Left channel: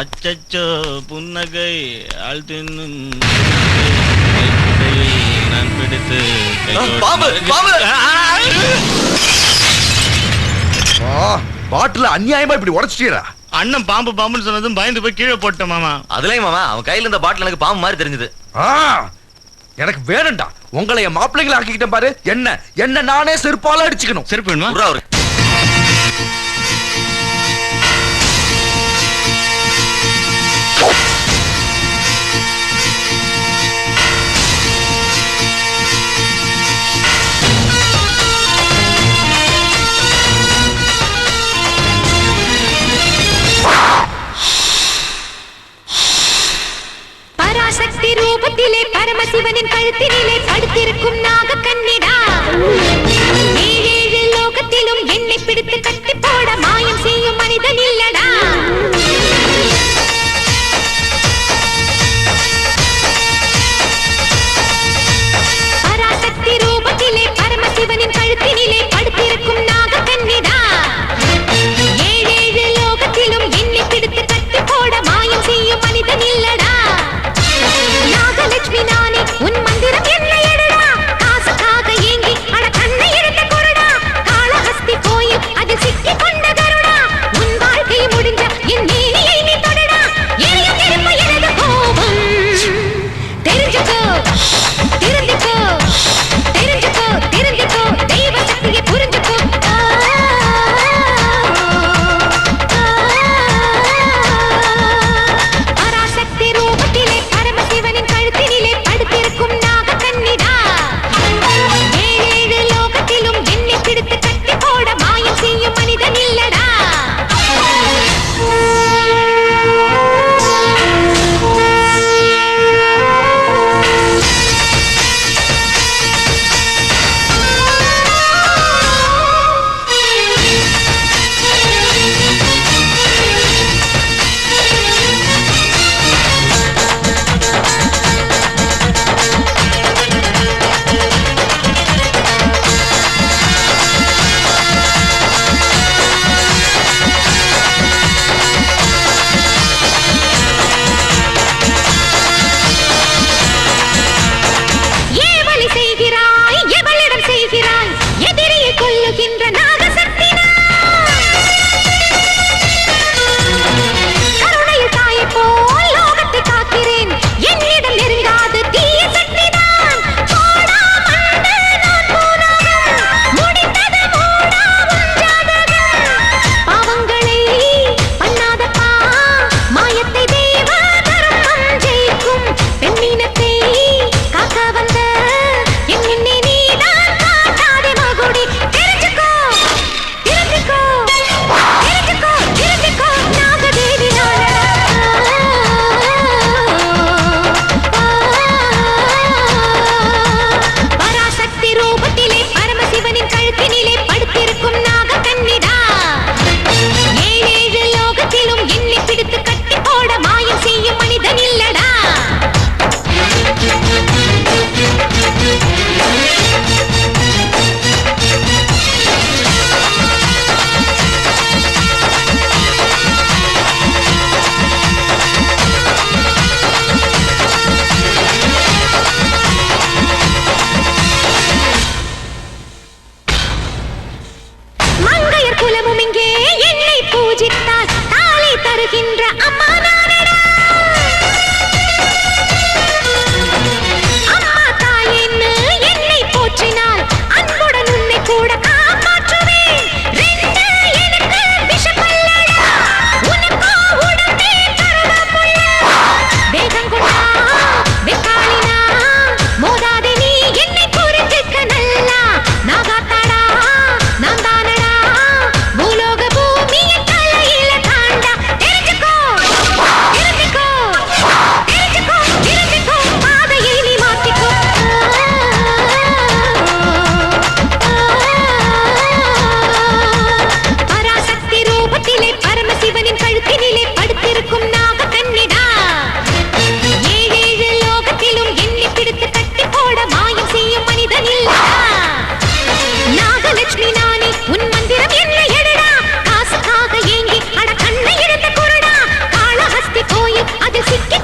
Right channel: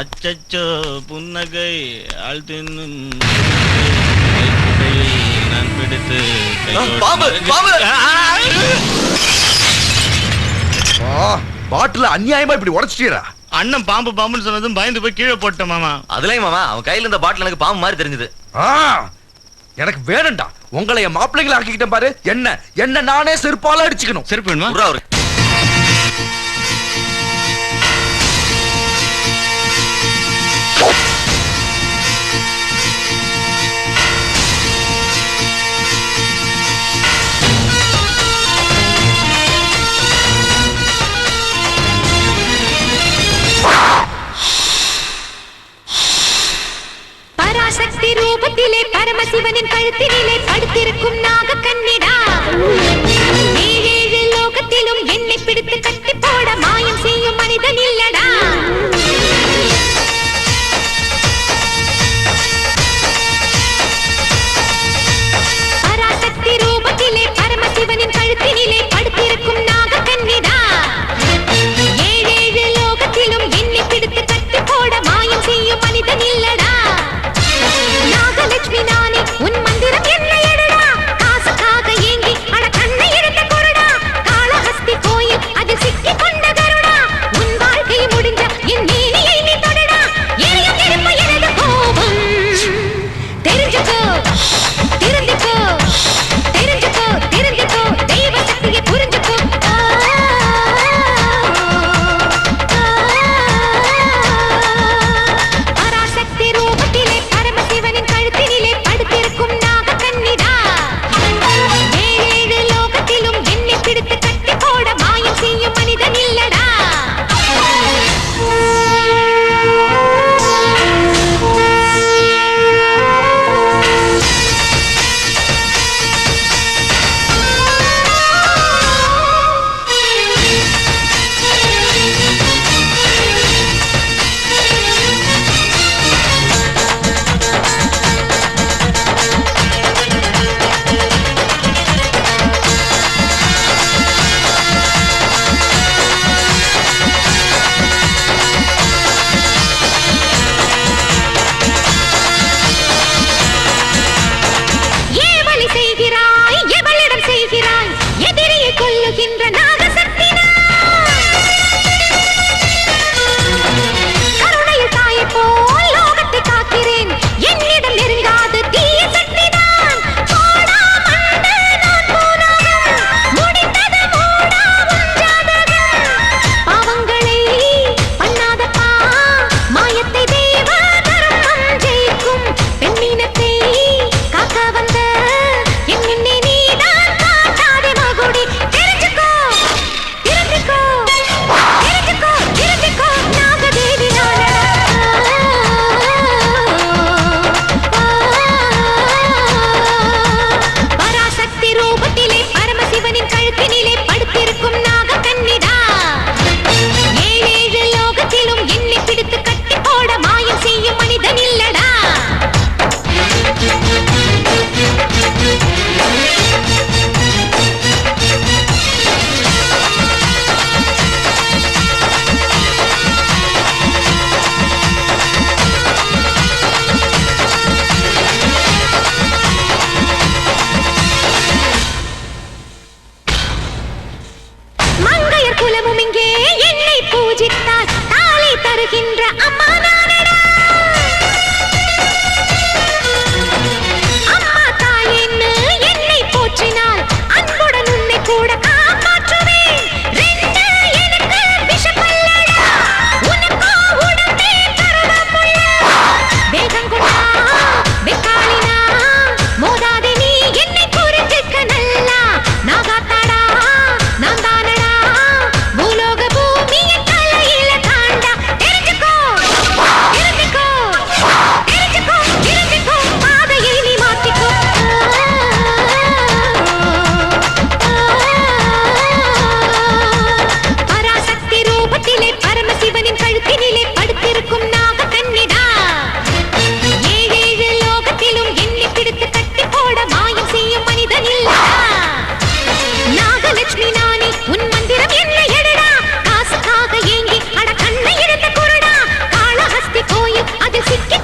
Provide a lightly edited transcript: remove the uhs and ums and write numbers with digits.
அச்சச்சோ புன்னகை ஆள் தின்னும் நான் பிடித்து பாட்டில அநியாயமா இப்படி உடைச்சிட்டீரா? அண்ணன் பாம்பு பாம்புன்னு சொன்னதும் பயந்து போய் கீழே போட்டேன் மாமா. அதுலயும் மாமா அவன் கையில இருந்த பாட்டில் எனக்கு பாம்பு மாதிரி தெரிஞ்சது. எனக்கு வேணும்டா. உங்களை என் மாப்பிள்ளைங்களை ஆக்கிக்கிட்டேன் பாரு. என்ன என்ன நானே செருப்பால அடிச்சுக்கணும். செருப்பு வேணுமா? அவரு பராசக்தி ரூபத்திலே பரமசிவனின் கழுத்தினிலே படுத்திருக்கும் நாக கண்ணிடா. ஏழேழு லோகத்திலும் என்னை பிடித்து கட்டி போட மாயம் செய்யும் மனிதன் இல்லடா. பராசக்தி ரூபத்திலே பரமசிவனின் கழுத்தினிலே படுத்திருக்கும் நாக கண்ணிடா. ஏழேழு லோகத்திலும் என்னை பிடித்து கட்டி போட மாயம் செய்யும் மனிதன் இல்லடா. நாகலட்சுமி நானே உன் மந்திரம் என்னடா. காசுக்காக ஏங்கி அட கண்ணை எடுத்து கொடடா. காளஹஸ்தி கோயில் அதில் சிக்கி கொண்ட கருடா. உன் வாழ்க்கை முடிஞ்ச என் நீதியை நீ தொடடா. எரியும் நெருப்பு எனது கோபம். தெரிஞ்சுக்கோ திருந்திக்கோ தெரிஞ்சுக்கோ திருந்திக்கோ தெய்வ சக்தியை புரிஞ்சுக்கோ. பராசக்தி ரூபத்திலே பரமசிவனின் கழுத்தினிலே படுத்திருக்கும் நாக கண்ணிடா. ஏழேழு லோகத்திலும் என்னை பிடித்து கட்டி போட மாயம் செய்யும் மனிதன் இல்லடா. எதிரியை கொல்லுகின்ற நாகசக்தி கருணையில் தாயை போல் லோகத்தை காக்கிறேன். என்னிடம் நெருங்காது தீய சக்தி தான். பாவங்களை பண்ணாதப்பா மாயத்தை தேவம் ஜெயிக்கும் பெண்ணினத்தை காக்க வந்த என்னை நீதான் மகுடி. தெரிஞ்சுக்கோ தெரிஞ்சுக்கோ தெரிஞ்சுக்கோ தெரிஞ்சுக்கோ நாகதேவி பராசக்தி ரூபத்திலே பரமசிவனின் கழுத்தினிலே படுத்திருக்கும் நாக கண்ணிடா. ஏழேழு லோகத்திலும் என்னை பிடித்து கட்டி போட மாயம் செய்யும் மனிதன் இல்லடா. அதில் சிக்கி